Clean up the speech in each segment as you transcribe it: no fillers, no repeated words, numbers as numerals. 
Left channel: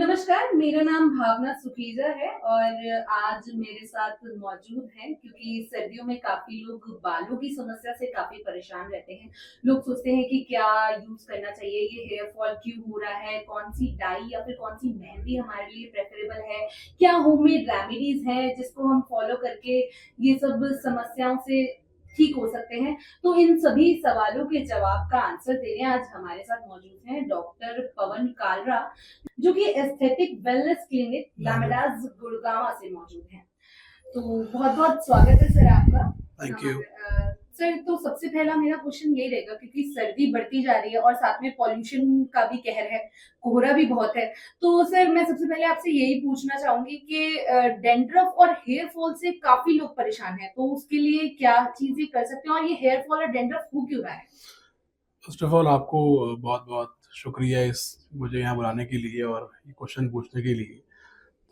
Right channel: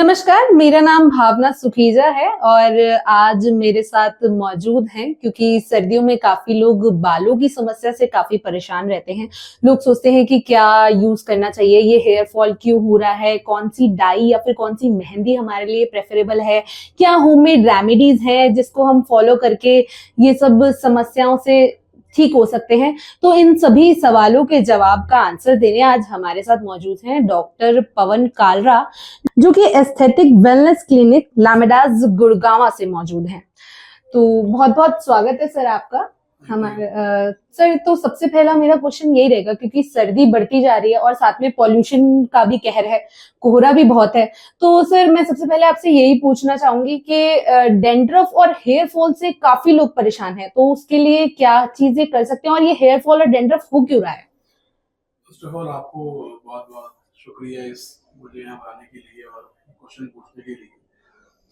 नमस्कार, मेरा नाम भावना सुखीजा है और आज मेरे साथ मौजूद हैं क्योंकि सर्दियों में काफ़ी लोग बालों की समस्या से काफ़ी परेशान रहते हैं। लोग सोचते हैं कि क्या यूज़ करना चाहिए, ये हेयर फॉल क्यों हो रहा है, कौन-सी डाई या फिर कौन-सी मेहंदी हमारे लिए प्रेफ़रेबल है, क्या होममेड रेमेडीज़ हैं जिसको हम फ़ॉलो करके ये सब समस्याओं से ठीक हो सकते हैं। तो इन सभी सवालों के जवाब का आंसर देने आज हमारे साथ मौजूद हैं डॉक्टर पवन कालरा, जो कि एस्थेटिक वेलनेस क्लिनिक लामेडास गुड़गांव से मौजूद हैं। तो बहुत-बहुत स्वागत है सर आपका हमारे सर। तो सबसे पहला मेरा क्वेश्चन यही रहेगा क्योंकि सर्दी बढ़ती जा रही है और साथ में पॉल्यूशन का भी कहर है, कोहरा भी बहुत है। तो सर मैं सबसे पहले आपसे यही पूछना चाहूंगी कि डैंड्रफ और हेयर फॉल से काफी लोग परेशान हैं, तो उसके लिए क्या चीजें कर सकते हैं और ये हेयर फॉल और डैंड्रफ हो क्यों रहा है? फर्स्ट ऑफ ऑल आपको बहुत बहुत शुक्रिया इस मुझे यहाँ बुलाने के लिए और ये क्वेश्चन पूछने के लिए।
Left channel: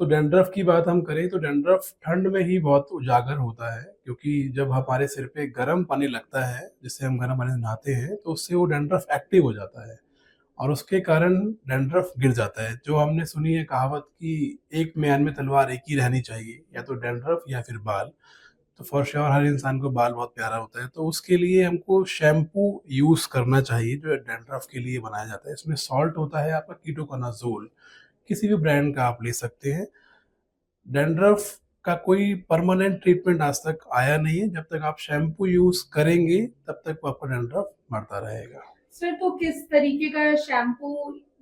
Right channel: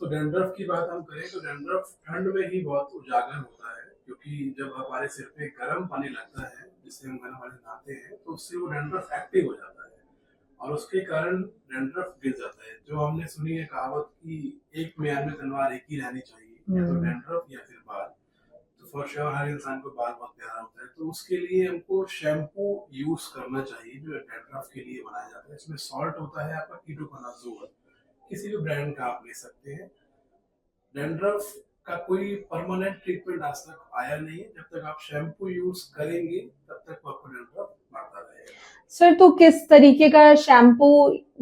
तो डैंड्रफ की बात हम करें तो डैंड्रफ ठंड में ही बहुत उजागर होता है, क्योंकि जब हमारे सिर पे गर्म पानी लगता है, जिससे हम गर्म पानी से नहाते हैं, तो उससे वो डैंड्रफ एक्टिव हो जाता है और उसके कारण डैंड्रफ गिर जाता है। जो हमने सुनी है कहावत कि एक म्यान में तलवार एक ही रहनी चाहिए, या तो डैंड्रफ या फिर बाल। तो फॉर श्योर हर इंसान को बाल बहुत प्यारा होता है, तो उसके लिए हमको शैम्पू यूज करना चाहिए जो डैंड्रफ के लिए बनाया जाता है। इसमें सॉल्ट होता है आपका कीटोकोनाजोल, किसी भी ब्रांड का आप ले सकते हैं। डैंड्रफ का कोई परमानेंट ट्रीटमेंट आज तक आया नहीं है। जब तक आप शैम्पू यूज करेंगे तब तक आपका डैंड्रफ बढ़ता रहेगा। सर तो किस तरीके का शैम्पू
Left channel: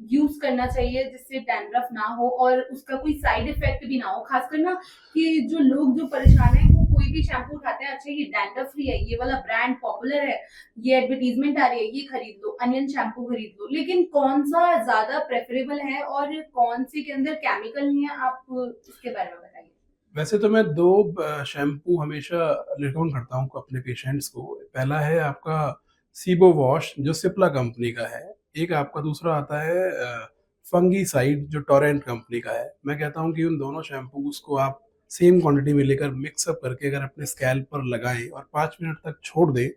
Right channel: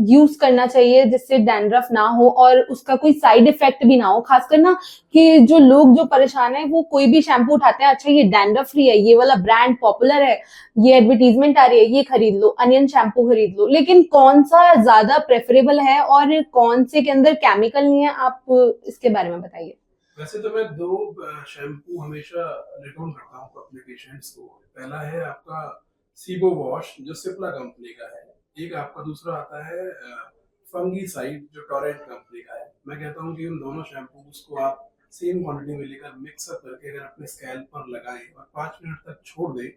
यूज करना चाहिए जिससे डैंड्रफ ना हो और उसका कोई साइड इफेक्ट भी ना हो, खासकर ना कि जो लोग जो परेशान है वो कोई भी शैम्पू उठाते हैं, अच्छा ये डैंड्रफ फ्री है, ये वाला ब्रांड पॉपुलर है, ये एडवर्टीजमेंट आ रही है, ये खरीद लो, अनियन शैम्पू खरीद लो, लेकिन कौन सा ज्यादा प्रेफरेबल है और कौन से के अंदर केमिकल नहीं है, आप इसके बारे में बताइए। वैसे तो मैं दो शैम्पू हमेशा रिकमेंड करता हूँ अपने पेशेंट्स को। पहला है आपका सीबो वॉश जो सिप्ला कंपनी का है। एक आपका दूसरा आता है फंगी साइड जो टोरेंट कंपनी का है। मैं कहता हूँ कि उन दोनों शैम्पूज को आप सेम क्वांटिटी में लेकर मिक्सअप करके अगर अपने स्कैल्प पर लगाएं और 5 मिनट तक छोड़ दें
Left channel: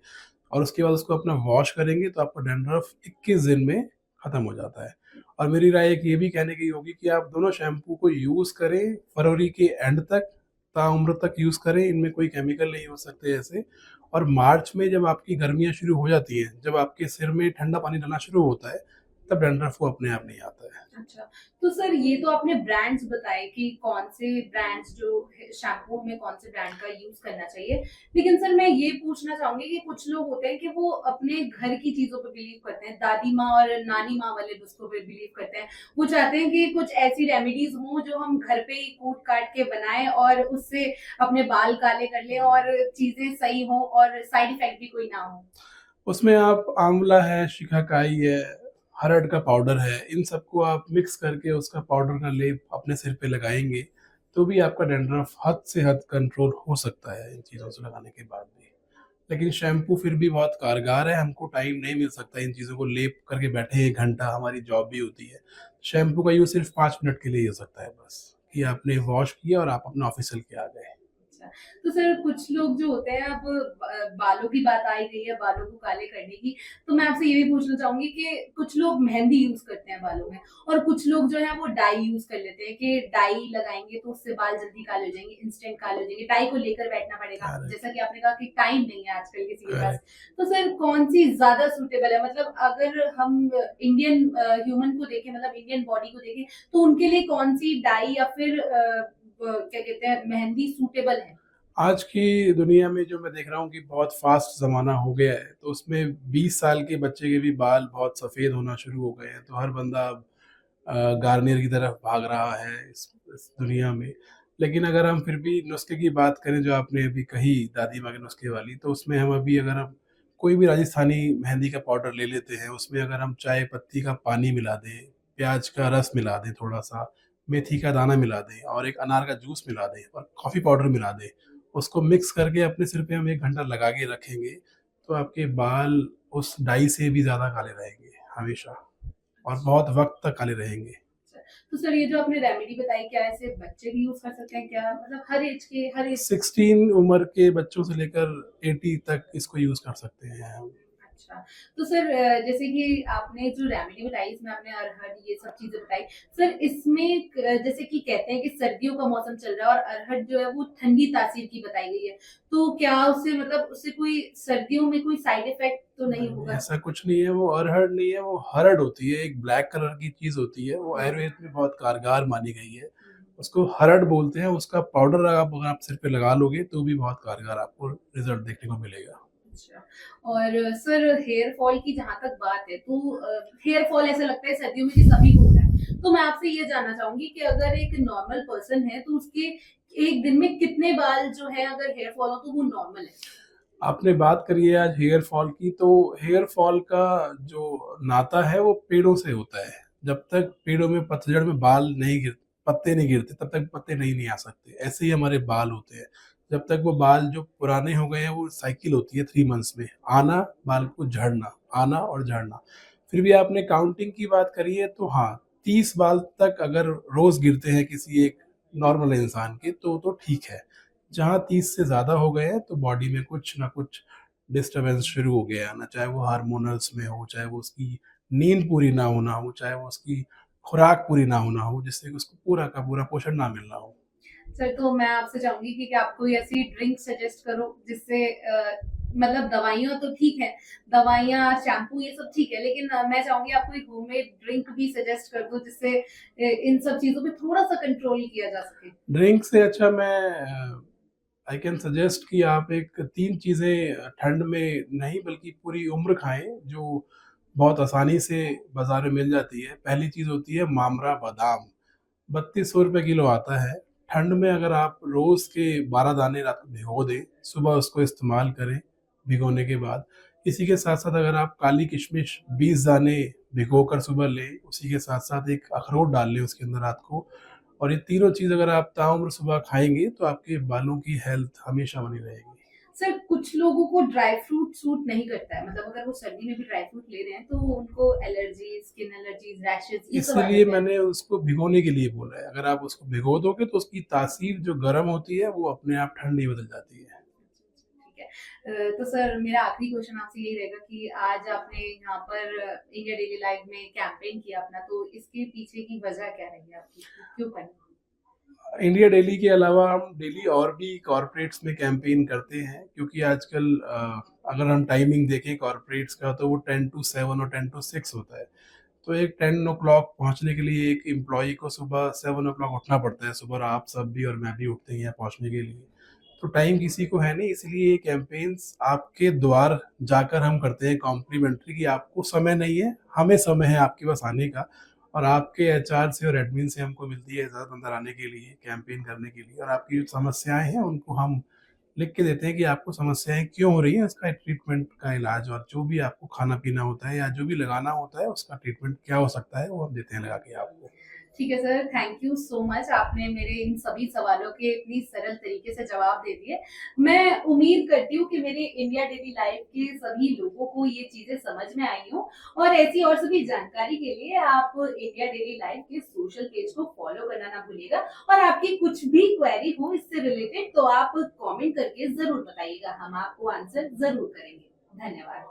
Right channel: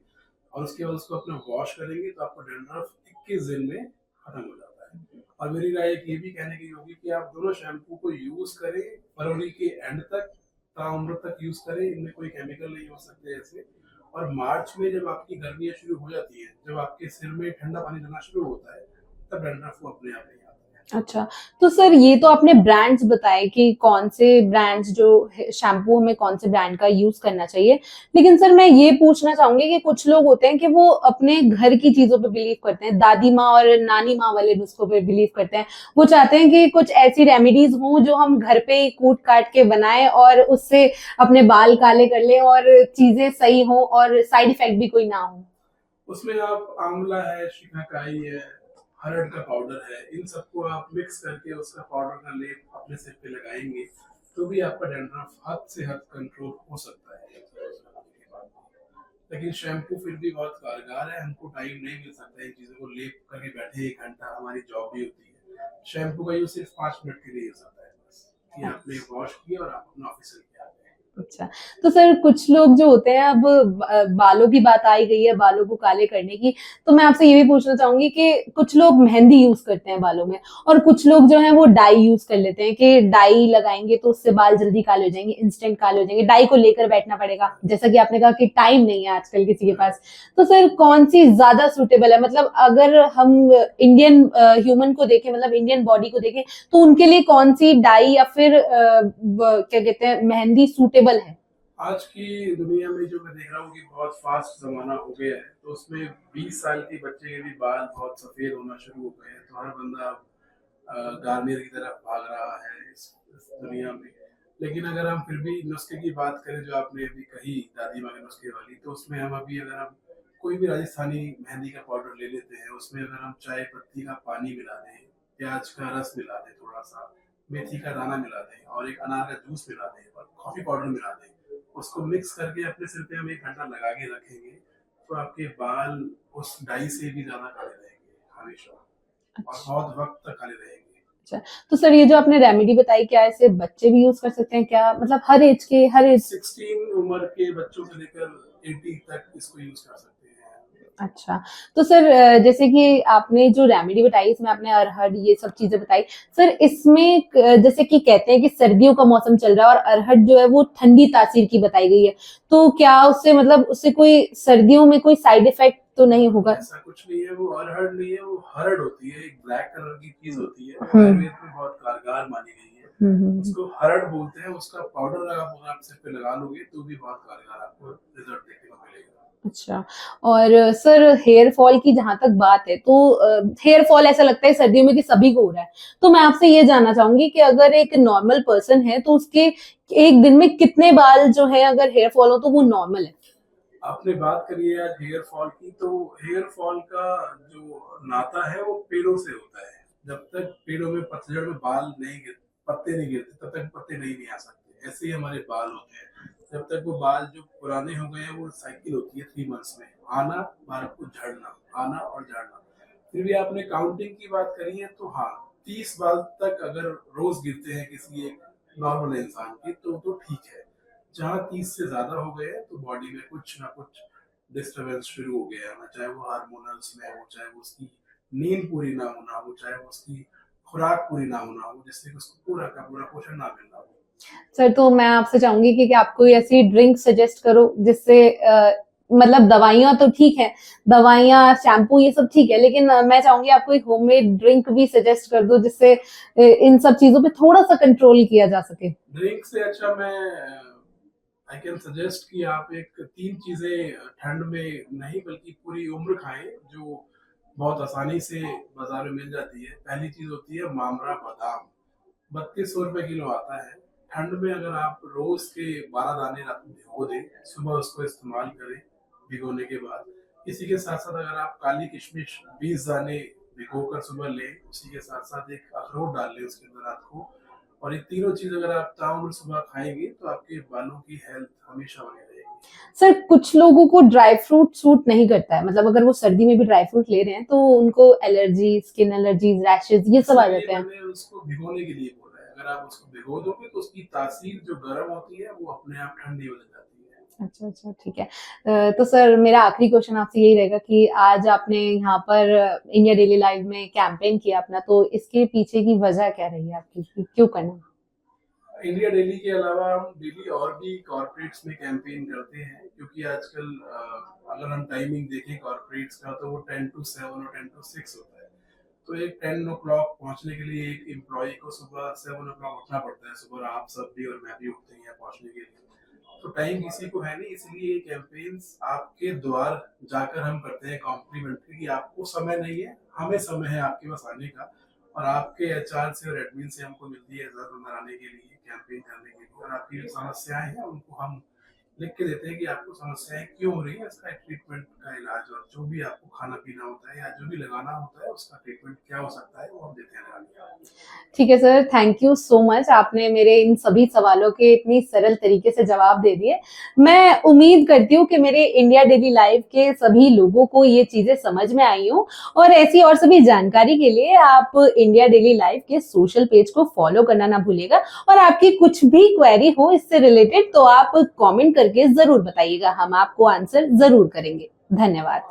और उसके बाद उसको अपना वॉश करेंगे तो आपका डैंड्रफ 21 दिन में खत्म हो जाता है। और मेरी राय एक ये भी कहने की होगी कि आप दोनों शैम्पू को यूज़ करें फरवरी के एंड तक, ताउम्र तक यूज़ करें। इनमें कोई केमिकल नहीं हो सकते ऐसे। और मार्च में जब आपकी गर्मियाँ शुरू हो जाती हैं, जब आपके सिर में ठंडा पानी डलना शुरू होता है, तब डैंड्रफ वो अपने आप नहीं आता है। अच्छा, तो सर ये तो आपने ब्रांड्स बताए कि कौन से ब्रांड्स जो शैम्पू हमें कौन से ब्रांड का यूज करना चाहिए, लेकिन सर मैं ये पूछना चाहूंगी कि कुछ लोग होते हैं कि वो अपने घर की चीजों पे बिलीव करते हैं, दादी माँ और नानी माँ वाले नुस्खों पे बिलीव करते हैं। वो चाहते हैं कि कुछ ऐसी रेमेडीज हों जो हम घर पे ही कूट काट के बनाएं और उससे अपने बाल काले कर लें और चीजें सही हों और साइड इफेक्ट भी कोई ना हो। उसमें आप आंवला है, शिकाकाई है, हरड़ का पाउडर है, इन सबको आप मिक्स करके उसका पाउडर का लेप अपने सिर पे लगाएंगे तो भी आपका डैंड्रफ हद से हद कंट्रोल हो सकता है इन चीज़ों से लगाने के बाद भी। लेकिन शैम्पू फिर भी बहुत कारगर है। हमको टाइम नहीं मिल सकता इन चीज़ों को लेप करके बैठे 1 घंटा, हमारी जॉब भी होती है। शैम्पू का यूज़ सिर्फ 5 मिनट के लिए हो सकता है बस, कि आपने वॉश किया और आप अपना ऑफिस चल के आ गए। अच्छा, तो सर कुछ लोग जो होते हैं, अब बालों की बात आई गई है, बालों को काले करने की, तो मैं आपसे ये भी पूछना चाहूंगी कि कुछ लोग मेहंदी यूज करते हैं बालों में और कुछ लोग जो है वो डाई यूज कर लेते हैं कि डाई लगाएंगे तो उससे बाल जल्दी काले हो जाएंगे, इंस्टेंट काले हो जाएंगे, डाई को लेकर बैठना पड़ेगा, जैसा कि आपने कहा कि टाइम नहीं है आजकल किसी के पास। तो सर कौन सी ज्यादा सूटेबल है, मतलब अगर हम इंडियन ह्यूमन को देखें, मतलब इंडियन बॉडी को देखें, तो उनके लिए कौन सी डाई या फिर क्या कहते हैं मेहंदी सूटेबल है? आज की दुनिया में जो मैं देख रहा हूँ कि बहुत फास्ट ज़माना हो गया है, तो उसमें 20 साल के बच्चे के भी बाल बहुत सफ़ेद होना शुरू हो गए हैं। तो हर बंदा अब गार्नियर की तरफ भाग रहा है इस दुनिया में। लेकिन अगर हम फिर भी नुस्खे की बात करें जो आपने अभी कही दादी माँ के नुस्खे वाली, तो उसमें हम अभी अगर हम कोई भी राजस्थानी मेहंदी का पाउडर ले लेते हैं, उसमें अगर हम चाय पत्ती का पानी मिला दें, प्याज का रस मिला दें, थोड़ा सा मेथी का दाना मिला दें और एक अनार का जूस मिला दें और कॉफ़ी पाउडर मिला दें, उसको मिक्स करके अपने सिर पे हम 1 घंटा लगा के रखेंगे, तो आपके बाल उस डाई से भी ज़्यादा काले रहेंगे हमेशा, और अच्छा। बहुत वक्त तक काले रहेंगे। अच्छा, तो सर ये जो आपने रेमेडी बताई, क्या इसे बच्चे भी यूज कर सकते हैं, क्या मतलब हर एज के, हर एज? 16 उम्र के बच्चों से लेकर 80 तक इसको यूज कर सकते हैं हम। अच्छा, तो सर जैसे कि आपने जो रेमेडी बताई इसमें आपने अरहर ये सब चीज़ें बताई। सर इसमें जैसे कि कहते हैं कि सर्दियों का मौसम चल रहा है और अरहर जो है वो ठंडी तासीर की बताई गई है। तो क्या उससे मतलब उससे कोई सर्दियों में कोई साइड इफ़ेक्ट तो नहीं नहीं, होगा? ऐसा कुछ नहीं है, वो अरहर नहीं है, वो हरड़ होती है, एक ब्लैक कलर की चीज़ होती है, वो हुँ। आयुर्वेद में बहुत कारगर मानी गई है। हुँ, हुँ, हुँ। उसको हरड़ बोलते हैं, उसका पाउडर आप अगर आप सिर पे लगा लोगे तो भी बहुत कारगर आपको रिज़ल्ट देखने को मिलेगा। अच्छा और सर हेयर फॉल की जहाँ तक बात है तो हेयर फॉल ऐसा लगता है सर्दियों में कि सभी को हो रहा है। तो मैं आपसे ये जानना चाहूँगी कि अगर एक नॉर्मल पर्सन है तो उसके एक दिन में कितने बाल जो है अगर हेयर फॉल हो तो वो नॉर्मल है? आपने बात करी है आज हेयर फॉल की, तो हेयर फॉल का जो नाता है वो पेड़ों से होता है। जब तक पेड़ों में पतझड़ में पत्ते नहीं गिरते तब तक पत्ते नहीं आ सकते। ऐसे ही हमारे बाल होते हैं। जब तक वो बाल जो पुराने हो गए हैं, वो साइकिल होती है 3 मंथ्स में, आना, बाल को झड़ना, आना और झड़ना। फिर भी आपने काउंटिंग की बात करी है, तो हाँ, 30 बाल तक अगर रोज़ गिरते हैं किसी एक नॉर्मल इंसान के तो ठीक है। जहाँ 30 से ज़्यादा हो गए हैं तो बॉडी में कुछ ना कुछ डिस्टरबेंस शुरू हो गया है ना, चाहे वो हार्मोनल्स में हो, चाहे वो उसकी नींद पूरी ना होना हो, चाहे वो उसकी खुराक पूरी ना होना हो, जिससे कि उसको पूरा का पूरा पोषण ना मिलना हो। सर तो मैं आपसे चाहूँगी कि आप कोई ऐसी ड्रिंक सजेस्ट करो जिससे मतलब दवाइयाँ तो ठीक है, दवाइयाँ, शैम्पू ये सब ठीक है, लेकिन मैं चाहूँगी आप कोई होममेड ड्रिंक भी सजेस्ट कर दो जिससे इन सब चीज़ों पे थोड़ा-सा कंट्रोल किया जा सके। ड्रिंक से अच्छा मैं आई कैन सजेस्ट कि आप एक 3 चीज़ें ठंड में नहीं बल्कि पूरी उम्र खाएँ, जो बहुत आसानी से बाज़ार में मिल जाती है। पहली चीज़ होती है मामरा बादाम। 3200 रुपए किलो आता है। ठंड में अगर आप रोज़ के 12 दाने रात को भिगो दें, सुबह उसको इस्तेमाल करें भिगोने के बाद। इसी के साथ-साथ अगर आप काली किशमिश 20 दाने भिगोकर सुबह लें, उसी के साथ-साथ एक अखरोट डाल लें उसके अंदर रात को, और ये तीनों चीज़ अगर आप ताउम्र सुबह खाएँगे तो आपके बालों की हेल्थ हमेशा बनी रहेगी। सर कुछ लोगों को ड्राई फ्रूट सूट नहीं करता है, मतलब अगर वो सर्दी में भी ड्राई फ्रूट ले रहे हैं तो उनको एलर्जी, स्किन एलर्जीज़, रैशेज़ ये सब आ इसलिए जाते हैं। मैंने उसको भिगोने के लिए बोला है। अगर आप उसको भिगो दोगे तो उसकी तासीर जो गरम होती है वो अपने आप ठंडी बदल जाती है। अच्छा, अच्छा, ठीक है। तो सर मेरा आखिरी क्वेश्चन आपसे यही रहेगा कि आज आपने यहाँ पर इंडिया डेली लाइव में कैंपेन किया अपना, तो इसके पीछे की वजह क्या रही है आपकी कि क्यों करना? इंडिया डेली के अलावा हम डेली और भी कॉर्पोरेट्स में कैंपेन करते हैं, क्योंकि आजकल अगर हम टाइमिंग देखें कॉर्पोरेट्स का तो वो 10 टू 7 और 10 टू 6 होता है। तो एक 10 ओ क्लॉक पहुँचने के लिए एक एम्प्लॉयी को सुबह 7 ओ क्लॉक उठना पड़ता है। सुबह आप सब भी और मैं भी उठते हैं यहाँ पहुँचने के लिए। तो टाइम किसी को है नहीं, इसलिए ये कैंपेन्स आपके द्वार जाकर हम करते हैं कॉम्प्लीमेंट्री, कि आपको समय नहीं है, हमें समय है आपके पास आने का, और आपके एचआर से और एडमिन से हमको मिलती है इजाज़त अंदर आने के लिए, कैंपेन करने के लिए, और आपकी जो समस्याएँ हैं उनको हम लिख के देते हैं कि आपको समस्याएँ क्यों हो रही हैं, इसका ट्रीटमेंट का इलाज, और जो भी आपको खाना-पीना होता है या जो भी लगाना होता है उसका ट्रीटमेंट क्या हो सकता है, वो हम देते हैं लगा के आपको। ठीक है sir, thank you so much आपने मेरे इन सभी सवालों के इतनी सरल तरीके से जवाब दे दिए। मैं उम्मीद करती हूँ कि मेरे इंडिया डेली लाइव के सभी लोगों को ये चीज़ें समझ में आई हों और ऐसी और सभी जानकारी के लिए आप इंडिया डेली लाइव के सोशल पेज को फॉलो करना ना भूलिएगा और आपकी कुछ भी क्वेरी हो इससे रिलेटेड तो आप कमेंट करके ज़रूर बताइएगा, हम आपको आंसर ज़रूर करेंगे। धन्यवाद।